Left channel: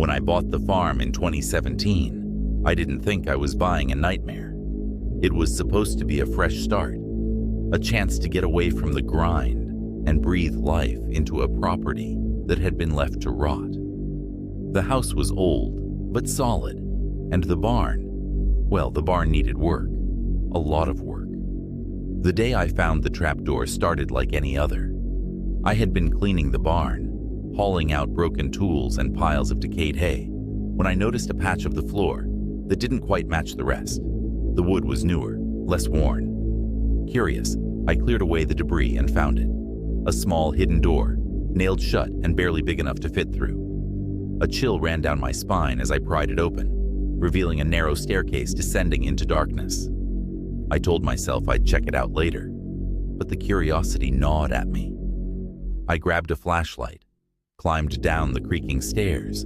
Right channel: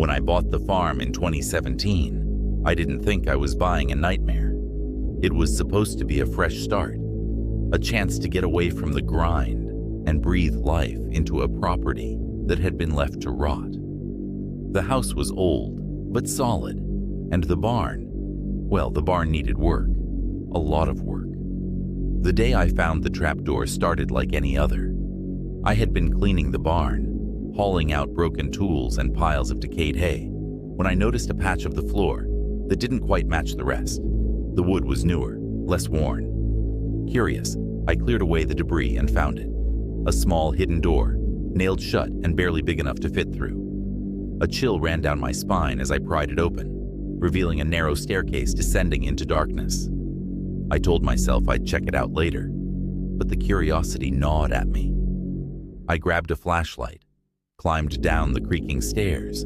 When I bought the farm in 2017, I didn't think I was buying a nightmare. It was supposed to be a fresh start, a chance to get away from the grind and breathe life into a property that had been left to rot. The house was old, but solid, and the barn, well, the barn needed work, a lot of work. The day I found the trapdoor started like any other. I had been cleaning the barn, hauling out broken tools and piles of decayed hay, when I noticed a patch of the floor that didn't quite match the rest. The wood was newer, less worn. Curious, I cleared away the debris and found it. A small hidden door, nailed shut and barely big enough to fit through. A chill ran down my spine as I pried it open, revealing a narrow staircase descending into darkness. I told myself I'd check it out later, but the curiosity gnawed at me. I grabbed a flashlight, climbed down the creaking stairs,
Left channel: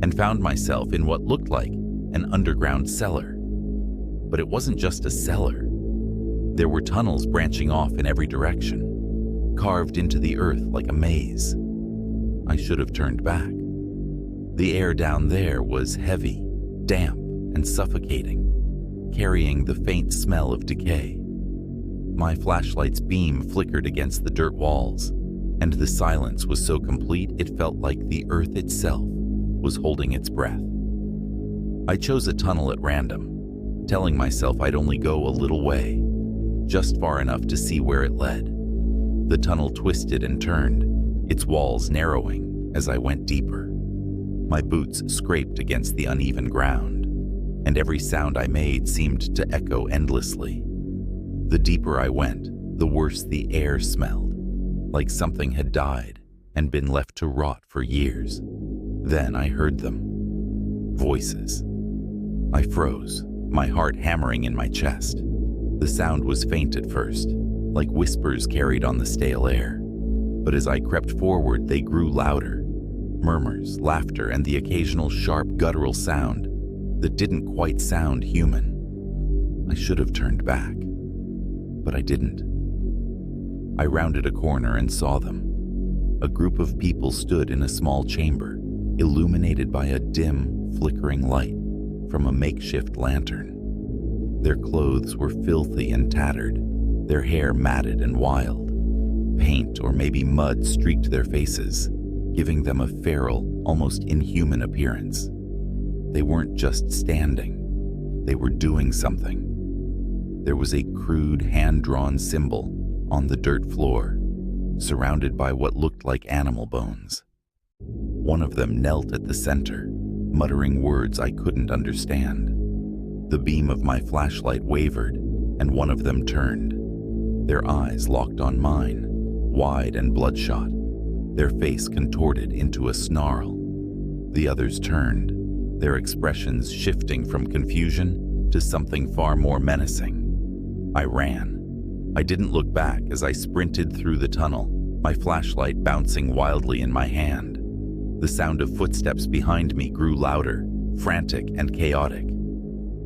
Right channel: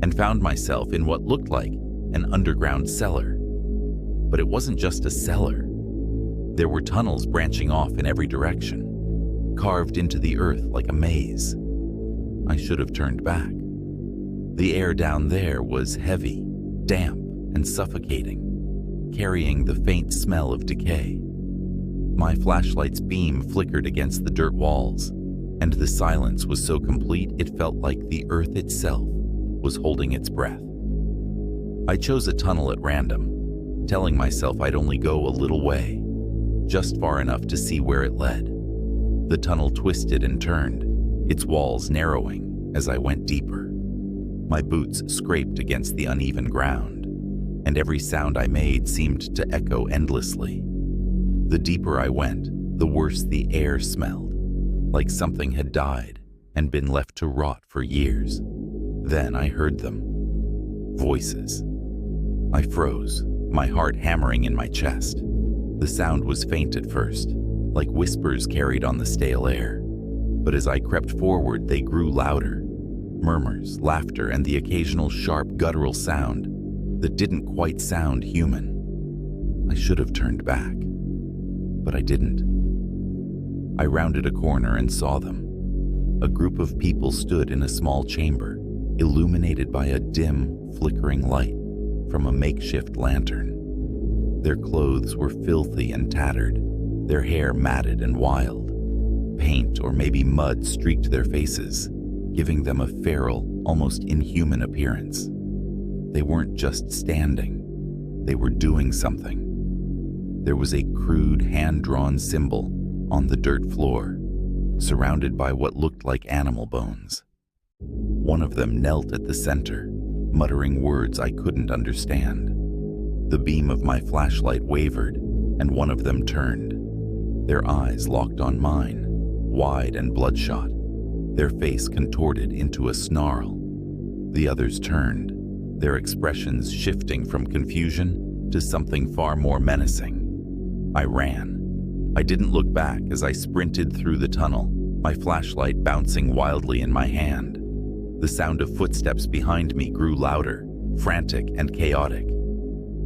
and found myself in what looked like an underground cellar. But it wasn't just a cellar. There were tunnels branching off in every direction, carved into the earth like a maze. I should have turned back. The air down there was heavy, damp, and suffocating, carrying the faint smell of decay. My flashlight's beam flickered against the dirt walls, and the silence was so complete it felt like the earth itself was holding its breath. I chose a tunnel at random, telling myself I'd only go a little way, just far enough to see where it led. The tunnel twisted and turned, its walls narrowing as I went deeper. My boots scraped against the uneven ground, and every sound I made seemed to echo endlessly. The deeper I went, the worse the air smelled, like something had died and been left to rot for years. Then I heard them. Voices. I froze, my heart hammering in my chest. The sound was faint at first, like whispers carried on the stale air. But as I crept forward, they grew louder. Murmurs, laughter, and the occasional sharp guttural sound that didn't quite sound human. I should have turned back, but I didn't. I rounded a corner and saw them. A group of people stood in a small chamber, illuminated by a dim, flickering light from a makeshift lantern. Their clothes were filthy and tattered, their hair matted and wild. Paint or maybe mud streaked their faces, giving them a feral, almost inhuman appearance. They weren't just standing, they were doing something. There was a crude, hand-drawn symbol on the dirt floor, surrounded by what looked like animal bones. One of them knelt at the center, muttering words I couldn't understand. The beam of my flashlight wavered, and one of them turned. Their eyes locked on mine, wide and bloodshot, their face contorted into a snarl. The others turned, their expressions shifting from confusion to something far more menacing. I ran. I didn't look back as I sprinted through the tunnel, my flashlight bouncing wildly in my hand. The sound of footsteps behind me grew louder, frantic and chaotic.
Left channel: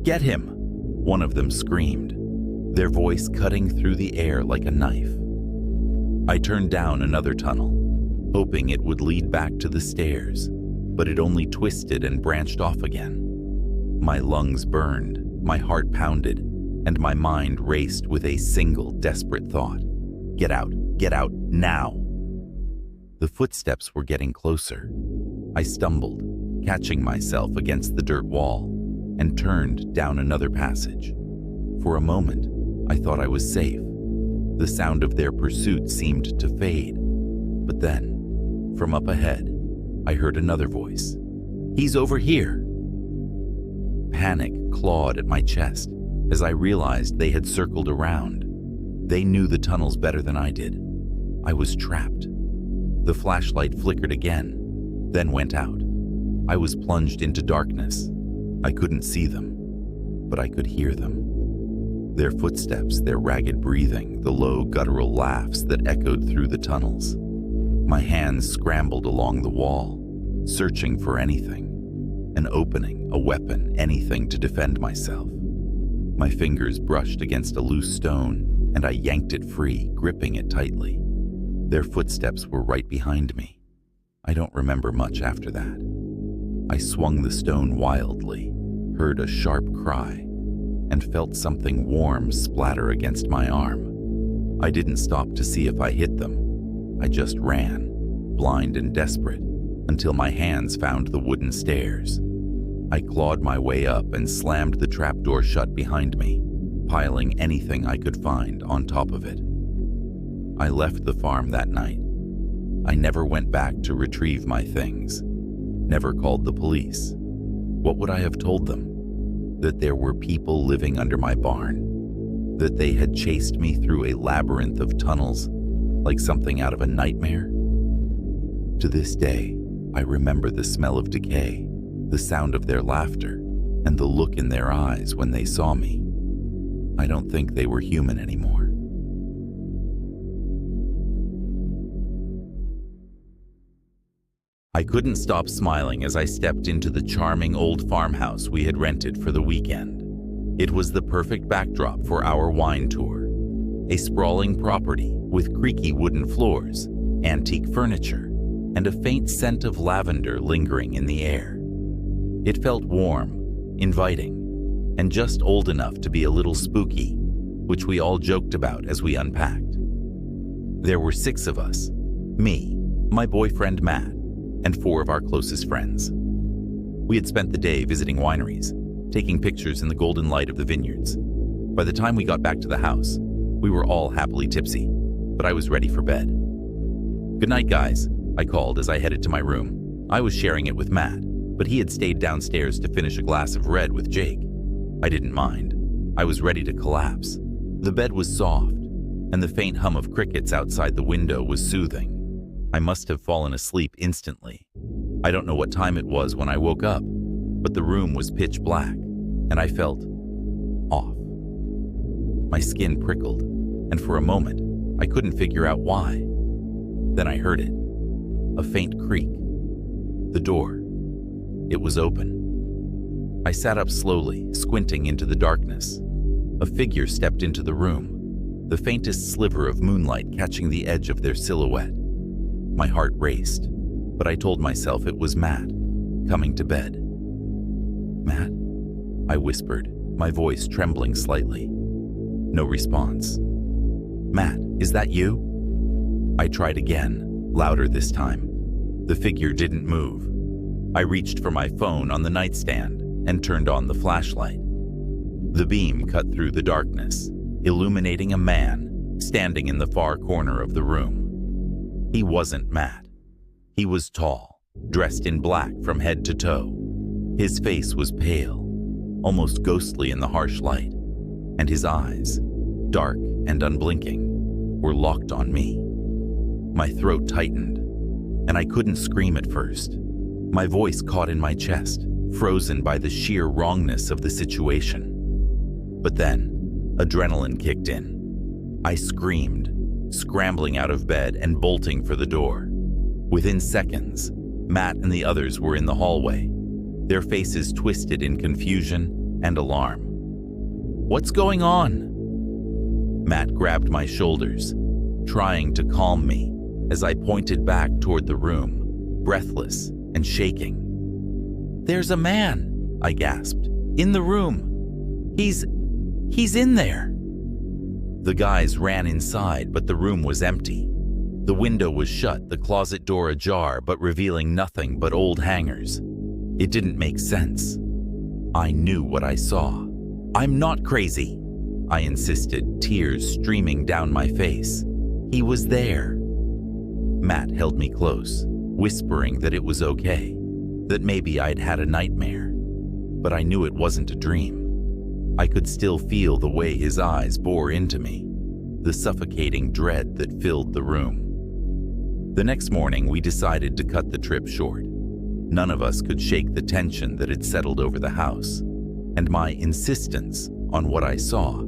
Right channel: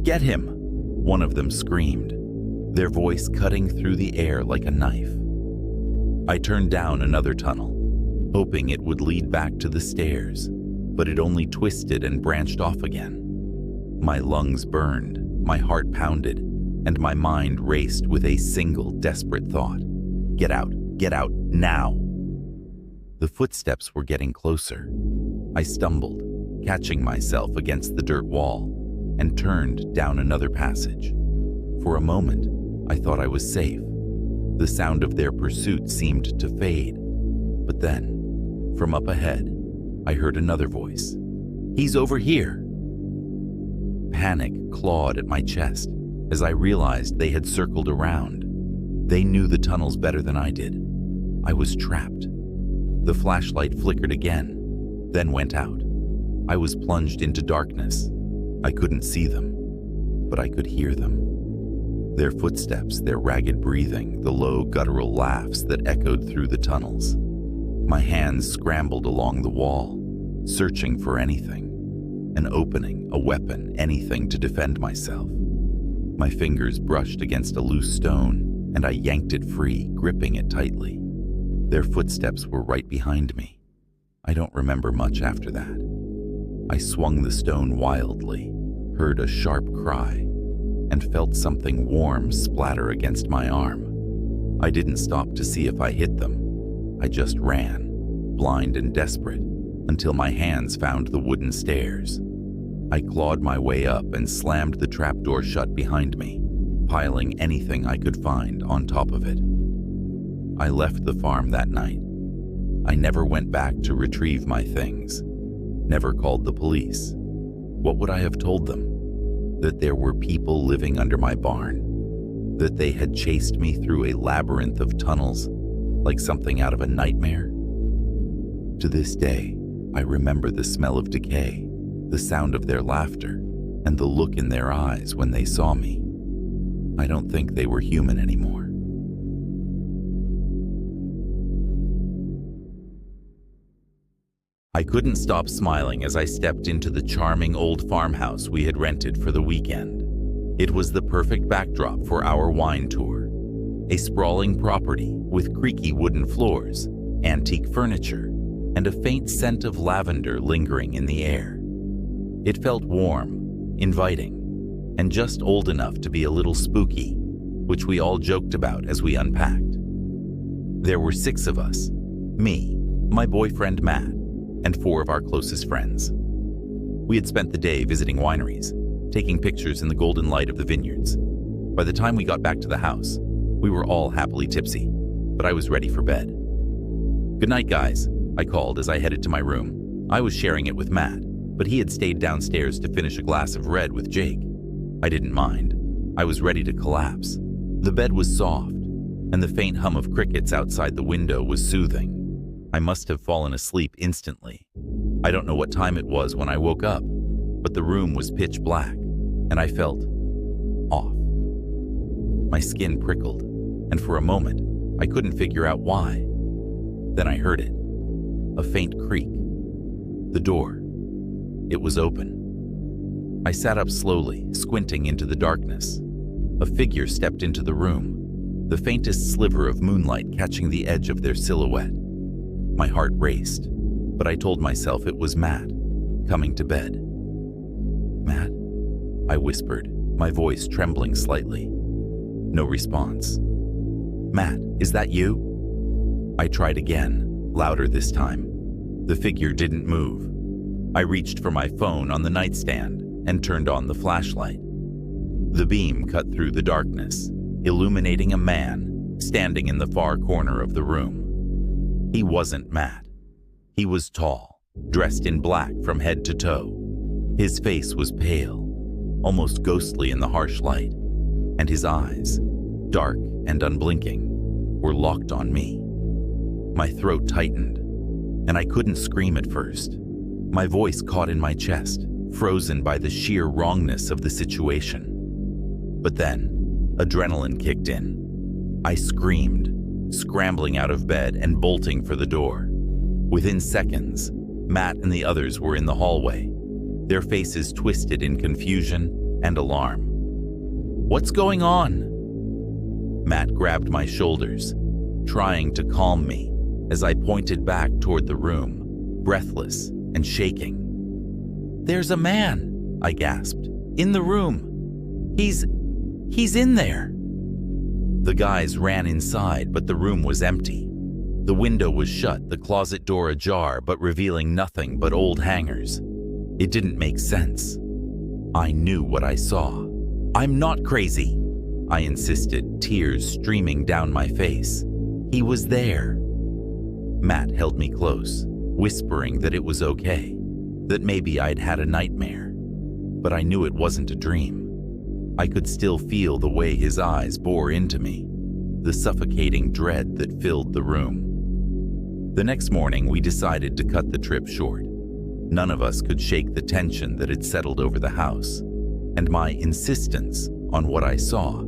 "Get him!" one of them screamed, their voice cutting through the air like a knife. I turned down another tunnel, hoping it would lead back to the stairs, but it only twisted and branched off again. My lungs burned, my heart pounded, and my mind raced with a single desperate thought. Get out, now! The footsteps were getting closer. I stumbled, catching myself against the dirt wall, and turned down another passage. For a moment, I thought I was safe. The sound of their pursuit seemed to fade. But then, from up ahead, I heard another voice. "He's over here!" Panic clawed at my chest as I realized they had circled around. They knew the tunnels better than I did. I was trapped. The flashlight flickered again, then went out. I was plunged into darkness. I couldn't see them, but I could hear them. Their footsteps, their ragged breathing, the low guttural laughs that echoed through the tunnels. My hands scrambled along the wall, searching for anything. An opening, a weapon, anything to defend myself. My fingers brushed against a loose stone, and I yanked it free, gripping it tightly. Their footsteps were right behind me. I don't remember much after that. I swung the stone wildly, heard a sharp cry, and felt something warm splatter against my arm. I didn't stop to see if I hit them. I just ran, blind and desperate, until my hands found the wooden stairs. I clawed my way up and slammed the trapdoor shut behind me, piling anything I could find on top of it. I left the farm that night. I never went back to retrieve my things, never called the police. What would I have told them? That there were people living under my barn? That they had chased me through a labyrinth of tunnels like something out of a nightmare? To this day, I remember the smell of decay, the sound of their laughter, and the look in their eyes when they saw me. I don't think they were human anymore. I couldn't stop smiling as I stepped into the charming old farmhouse we had rented for the weekend. It was the perfect backdrop for our wine tour. A sprawling property with creaky wooden floors, antique furniture, and a faint scent of lavender lingering in the air. It felt warm, inviting, and just old enough to be a little spooky, which we all joked about as we unpacked. There were 6 of us: me, my boyfriend Matt, and 4 of our closest friends. We had spent the day visiting wineries, taking pictures in the golden light of the vineyards. By the time we got back to the house, we were all happily tipsy, but I was ready for bed. "Good night, guys," I called as I headed to my room. I was sharing it with Matt, but he had stayed downstairs to finish a glass of red with Jake. I didn't mind. I was ready to collapse. The bed was soft, and the faint hum of crickets outside the window was soothing. I must have fallen asleep instantly. I don't know what time it was when I woke up, but the room was pitch black, and I felt off. My skin prickled, and for a moment, I couldn't figure out why. Then I heard it. A faint creak. The door. It was open. I sat up slowly, squinting into the darkness. A figure stepped into the room, the faintest sliver of moonlight catching the edge of their silhouette. My heart raced, but I told myself it was Matt, coming to bed. "Matt?" I whispered, my voice trembling slightly. No response. "Matt, is that you?" I tried again, louder this time. The figure didn't move. I reached for my phone on the nightstand and turned on the flashlight. The beam cut through the darkness, illuminating a man standing in the far corner of the room. He wasn't Matt. He was tall, dressed in black from head to toe. His face was pale, almost ghostly in the harsh light, and his eyes, dark and unblinking, were locked on me. My throat tightened, and I couldn't scream at first. My voice caught in my chest, frozen by the sheer wrongness of the situation. But then, adrenaline kicked in. I screamed, scrambling out of bed and bolting for the door. Within seconds, Matt and the others were in the hallway, their faces twisted in confusion and alarm. "What's going on?" Matt grabbed my shoulders, trying to calm me as I pointed back toward the room, breathless and shaking. "There's a man," I gasped, "in the room. He's in there." The guys ran inside, but the room was empty. The window was shut, the closet door ajar, but revealing nothing but old hangers. It didn't make sense. I knew what I saw. "I'm not crazy," I insisted, tears streaming down my face. "He was there." Matt held me close, whispering that it was okay, that maybe I'd had a nightmare. But I knew it wasn't a dream. I could still feel the way his eyes bore into me, the suffocating dread that filled the room. The next morning, we decided to cut the trip short. None of us could shake the tension that had settled over the house, and my insistence on what I saw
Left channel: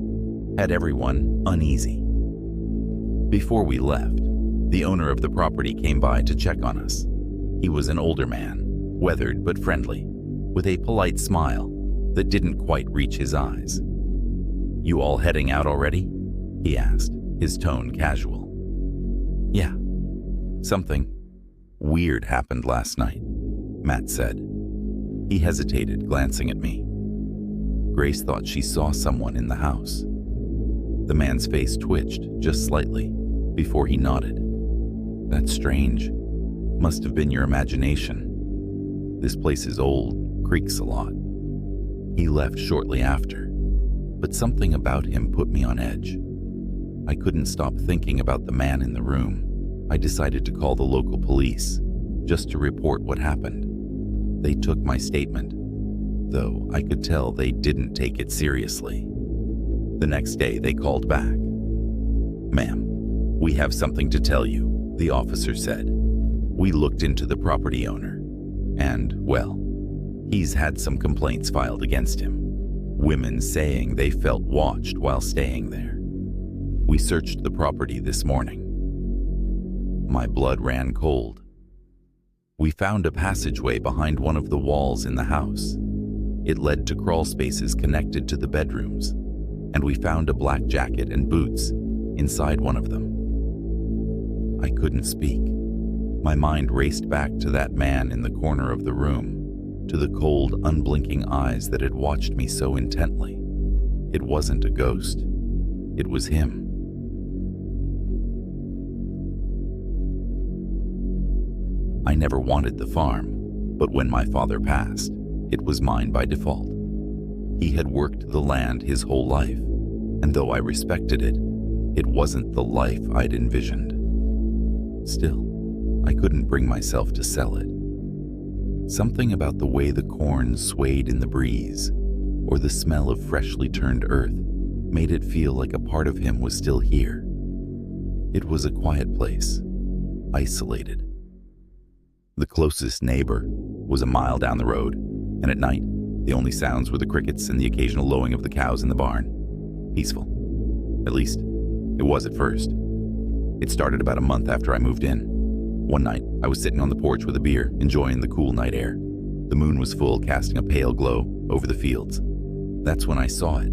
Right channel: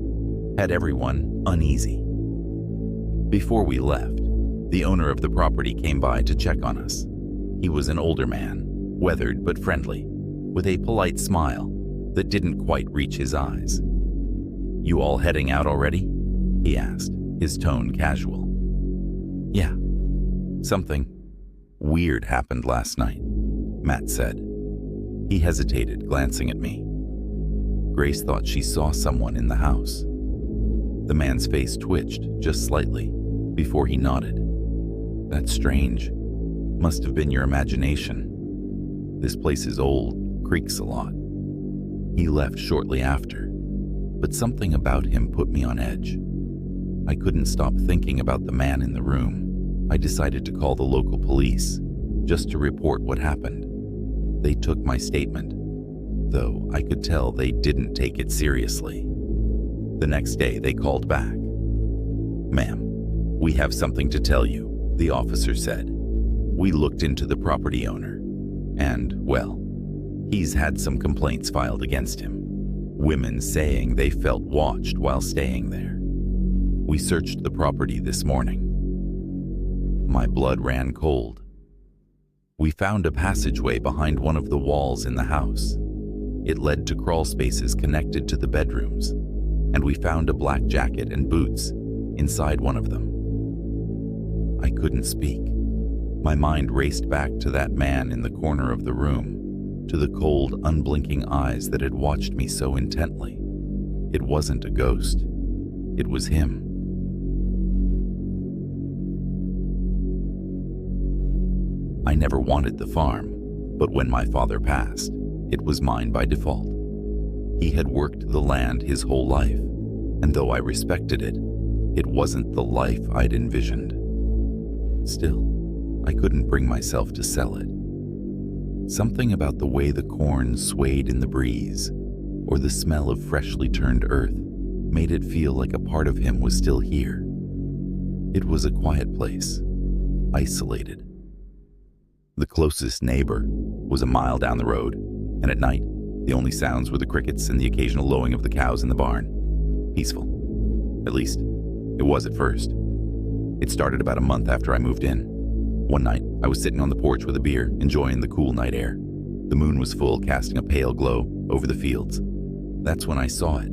had everyone uneasy. Before we left, the owner of the property came by to check on us. He was an older man, weathered but friendly, with a polite smile that didn't quite reach his eyes. "You all heading out already?" he asked, his tone casual. "Yeah. Something weird happened last night," Matt said. He hesitated, glancing at me. Grace thought she saw someone in the house. The man's face twitched just slightly before he nodded. That's strange. Must have been your imagination. This place is old, creaks a lot. He left shortly after, but something about him put me on edge. I couldn't stop thinking about the man in the room. I decided to call the local police, just to report what happened. They took my statement, though I could tell they didn't take it seriously. The next day, they called back. "Ma'am, we have something to tell you," the officer said. "We looked into the property owner, and, well, he's had some complaints filed against him. Women saying they felt watched while staying there. We searched the property this morning." My blood ran cold. We found a passageway behind one of the walls in the house. It led to crawl spaces connected to the bedrooms, and we found a black jacket and boots inside one of them. I couldn't speak. My mind raced back to that man in the corner of the room, to the cold, unblinking eyes that had watched me so intently. It wasn't a ghost. It was him. I never wanted the farm, but when my father passed, it was mine by default. He had worked the land his whole life, and though I respected it, it wasn't the life I'd envisioned. Still, I couldn't bring myself to sell it. Something about the way the corn swayed in the breeze, or the smell of freshly turned earth, made it feel like a part of him was still here. It was a quiet place, isolated. The closest neighbor was a mile down the road, and at night, the only sounds were the crickets and the occasional lowing of the cows in the barn. Peaceful. At least, it was at first. It started about a month after I moved in. One night, I was sitting on the porch with a beer, enjoying the cool night air. The moon was full, casting a pale glow over the fields. That's when I saw it.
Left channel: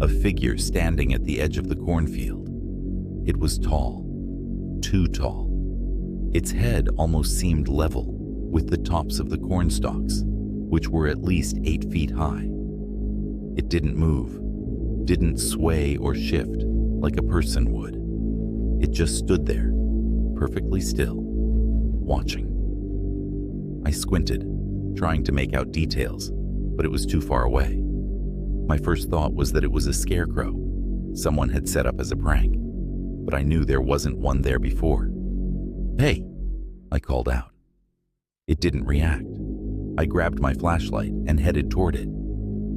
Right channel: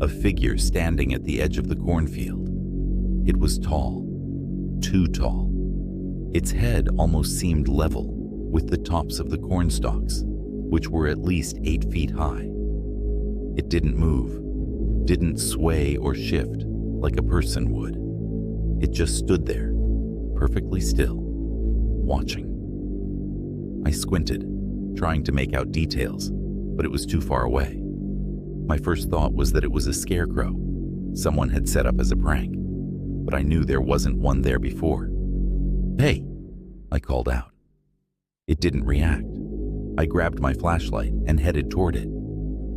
A figure standing at the edge of the cornfield. It was tall. Too tall. Its head almost seemed level with the tops of the corn stalks, which were at least 8 feet high. It didn't move, didn't sway or shift like a person would. It just stood there, perfectly still, watching. I squinted, trying to make out details, but it was too far away. My first thought was that it was a scarecrow someone had set up as a prank, but I knew there wasn't one there before. "Hey," I called out. It didn't react. I grabbed my flashlight and headed toward it,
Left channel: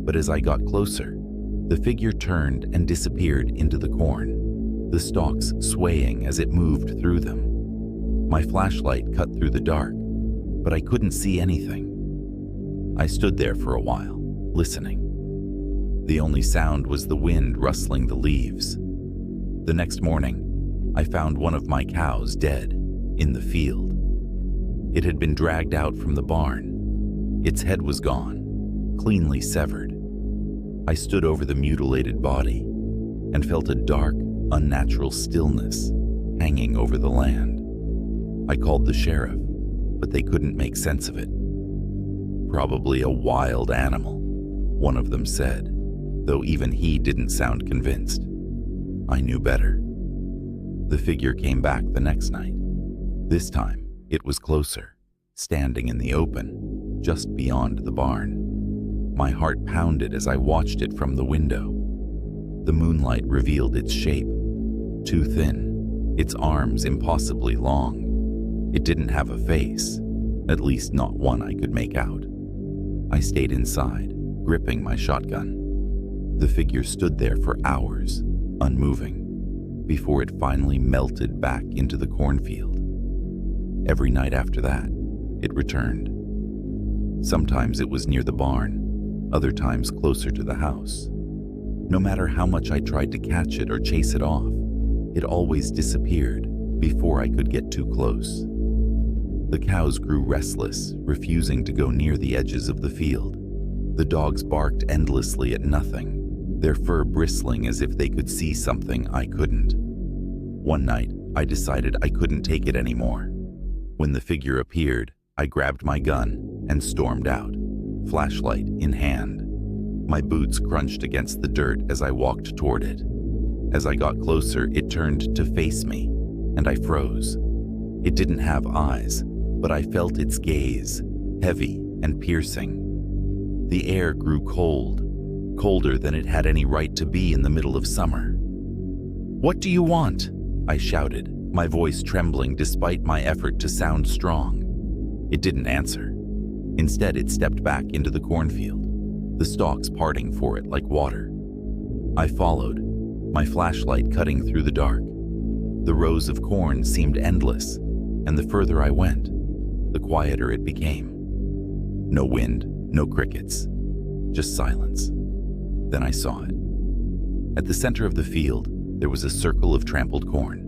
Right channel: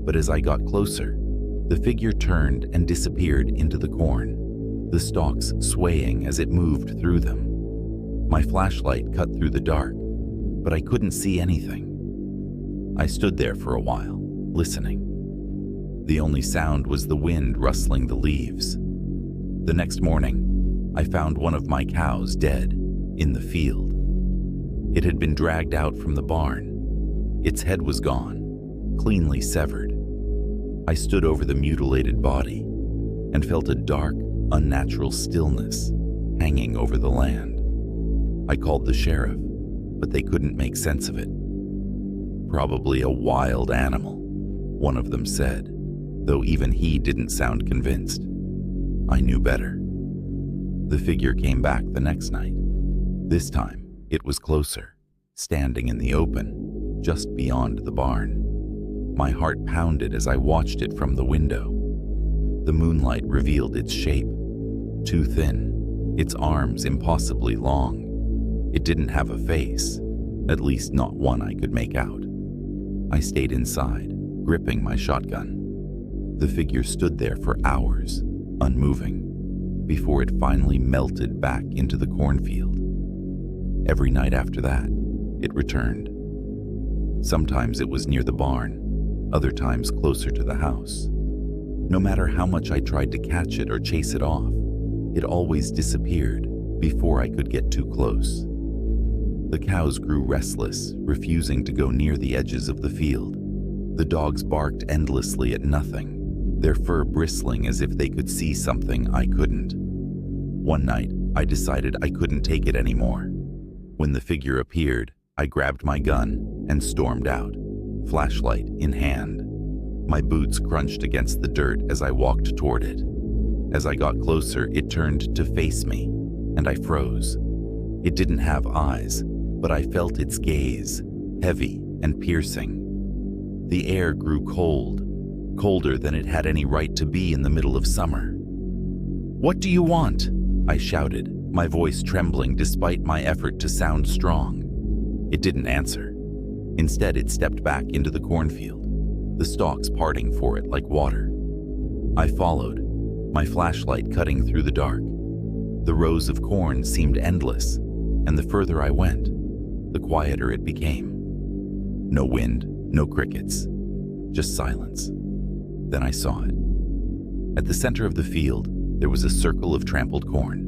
but as I got closer, the figure turned and disappeared into the corn, the stalks swaying as it moved through them. My flashlight cut through the dark, but I couldn't see anything. I stood there for a while, listening. The only sound was the wind rustling the leaves. The next morning, I found one of my cows dead in the field. It had been dragged out from the barn. Its head was gone, cleanly severed. I stood over the mutilated body and felt a dark, unnatural stillness hanging over the land. I called the sheriff, but they couldn't make sense of it. "Probably a wild animal," one of them said, though even he didn't sound convinced. I knew better. The figure came back the next night. This time, it was closer, standing in the open, just beyond the barn. My heart pounded as I watched it from the window. The moonlight revealed its shape. Too thin, its arms impossibly long. It didn't have a face, at least not one I could make out. I stayed inside, gripping my shotgun. The figure stood there for hours, unmoving, before it finally melted back into the cornfield. Every night after that, it returned. Sometimes it was near the barn, other times closer to the house. No matter how much I tried to catch it or chase it off, it always disappeared before I could get too close. The cows grew restless, refusing to go near the edges of the field. The dogs barked endlessly at nothing, their fur bristling as if they could see something I couldn't. One night, I decided I couldn't take it anymore. When the figure appeared, I grabbed my gun and stormed out. flashlight in hand. My boots crunched against the dirt as I walked toward it. As I got closer, it turned to face me, and I froze. It didn't have eyes, but I felt its gaze, heavy and piercing. The air grew cold, colder than it had any right to be in the middle of summer. "What do you want?" I shouted, my voice trembling despite my effort to sound strong. It didn't answer. Instead, it stepped back into the cornfield, the stalks parting for it like water. I followed, my flashlight cutting through the dark. The rows of corn seemed endless, and the further I went, the quieter it became. No wind, no crickets, just silence. Then I saw it. At the center of the field, there was a circle of trampled corn.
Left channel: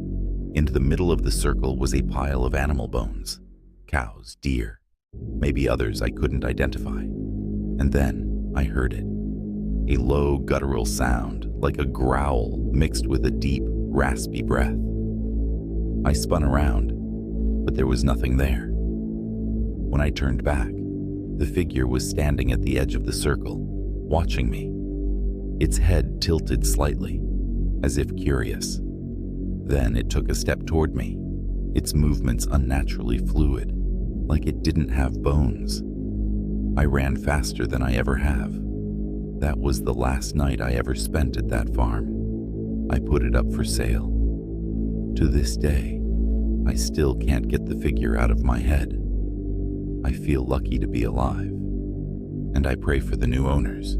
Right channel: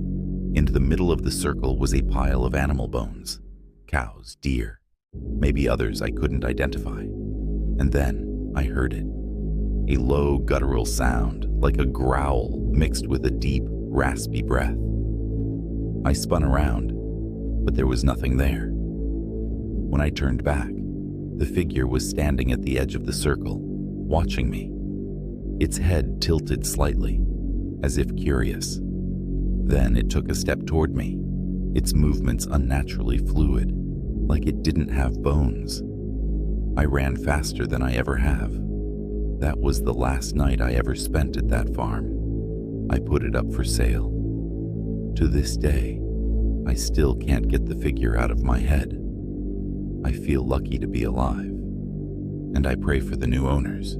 Into the middle of the circle was a pile of animal bones. Cows, deer, maybe others I couldn't identify. And then I heard it. A low, guttural sound, like a growl mixed with a deep, raspy breath. I spun around, but there was nothing there. When I turned back, the figure was standing at the edge of the circle, watching me. Its head tilted slightly, as if curious. Then it took a step toward me, its movements unnaturally fluid, like it didn't have bones. I ran faster than I ever have. That was the last night I ever spent at that farm. I put it up for sale. To this day, I still can't get the figure out of my head. I feel lucky to be alive, and I pray for the new owners.